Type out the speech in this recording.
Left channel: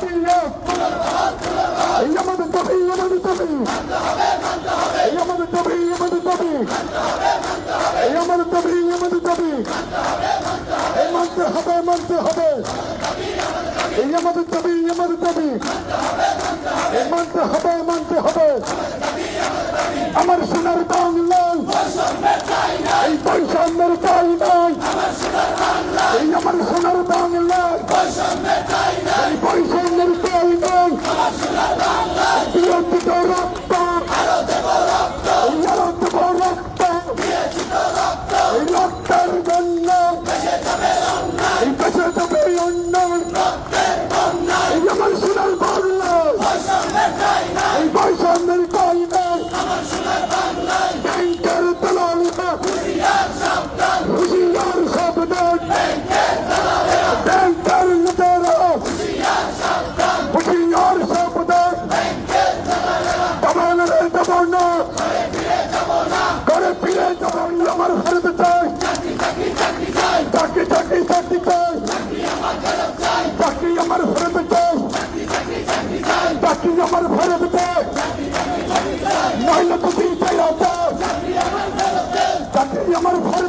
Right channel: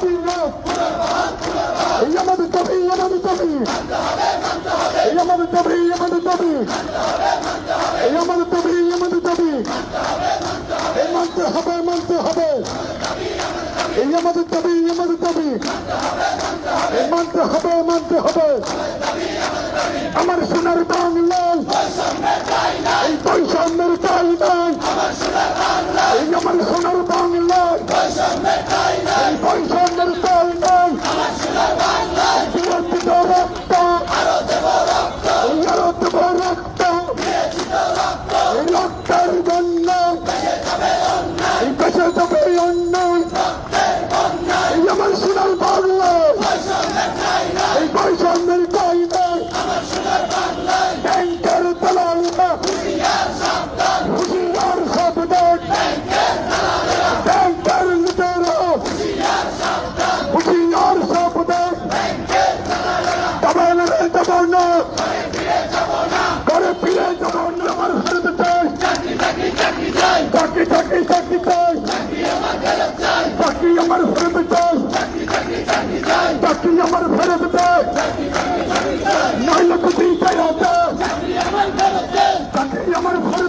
দাবি এই আমাদের দাবি আমাদের দাবি এই আমাদের দাবি আমাদের দাবি এই আমাদের দাবি আমাদের দাবি এই মানতে হবে মানতে হবে এই আমাদের দাবি আমাদের দাবি এই মানতে হবে মানতে হবে আমার সোনার বাংলায় এই বৈষম্যের ঠাঁই নাই এই আমার সোনার বাংলায় এই বৈষম্যের ঠাঁই নাই বিরোধী রক্ত এই আরো দেব রক্ত এই রক্তের জন্য এই দেশে যাবে অন্যায় এই আমার সোনার বাংলায় এই বৈষম্যের ঠাঁই নাই ব্যাংকের দালালিরা হুঁশিয়ার সাবধান ব্যাংকের লুটেরা হুঁশিয়ার সাবধান দবানো রে দবানো করে ফিরে যাবো না আমার ফেরত চাই চাকরি চাকরি চাকরি চাই চাকরি আমার ফেরত চাই চাকরি আমার ফেরত চাই নয় লক্ষ 30,000 চাকরি আমার ফেরত